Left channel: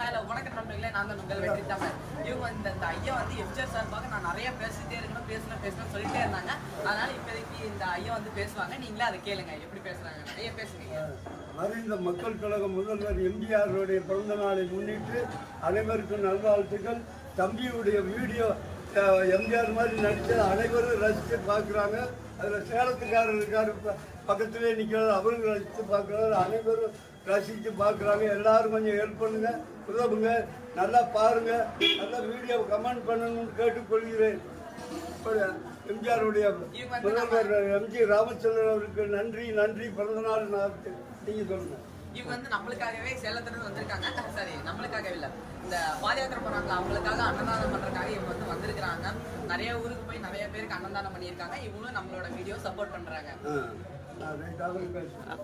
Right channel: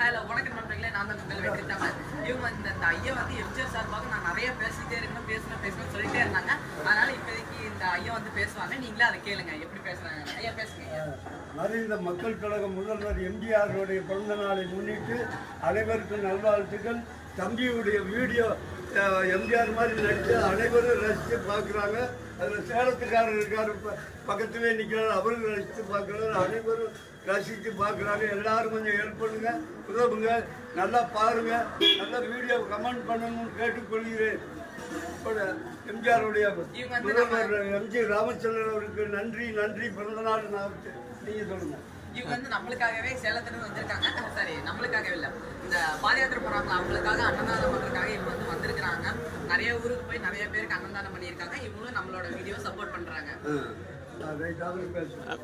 Hello வணக்கம் நண்பர்களே, நான் தான் உங்கள் வெற்றித்தாங்க. இவங்க இந்த ஐயா வந்து எம்ஜிஆர் சார்பாக நான் நிறைய பேசிட்டே இருக்கணும் பேசணும் சொல்லிட்டே இருந்தாங்க. அதனால இப்போதைக்கு இந்த ஐயா வந்து பேசுவாங்க. நீங்களே அதை கேளுங்க எப்படி பேசுறாங்க. ஐயா பேசுங்க. மறைந்த மக்கள் கழக முதல்வர் எம்ஜிஆருடைய பிறந்த நாளை முன்னிட்டு அனைவருக்கும் நல்வாழ்த்துக்கள். தம்பியுடைய வீடியோ எம்ஜிஆர் மாதிரி நடித்து அனைவரும் ரசித்து பார்க்குறாங்க. அதில் சேலத்துக்காரர் இருக்கார், பக்கத்திலே நிற்கிறார், அவரும் ரசித்து பார்க்குறாரு. அனைவரும் ரசித்து பார்க்குறாங்க. எல்லாரும் கொஞ்சம் ஹெல்ப் பண்ணுங்க, உதவுங்க, நல்லா பாருங்க, நல்லா வீடியோ கமெண்ட் பண்ணணும்னு கேட்டுக்கொள்கிறேன். எம்ஜிஆருடைய முதல்வர் எம்ஜி ராமச்சந்திரன் அவருக்கு நன்றி பிறந்தநாள் நாளுக்கு நீங்கள் சொல்லுங்கள். இவங்க வந்து நம்மளுக்காகவே சேலத்துலேருந்து வந்திருக்காங்க. சரி, நம்மளுக்காகவே இல்லை, இந்த பாத யாத்திரை போகிறாங்க அவங்களுக்காக அன்னதானம் பண்ணுறதுக்காக இவங்க வந்து வந்திருக்கிறாங்க. நிறைய ஊருக்கு போய் நிறைய பேருக்கு அன்னதானம் பண்ணியிருக்காங்க. இவங்களும் நம்மளோட வீடியோ சப்போர்ட் பண்ணுறாங்க. அவரு பேசுகிறேன்.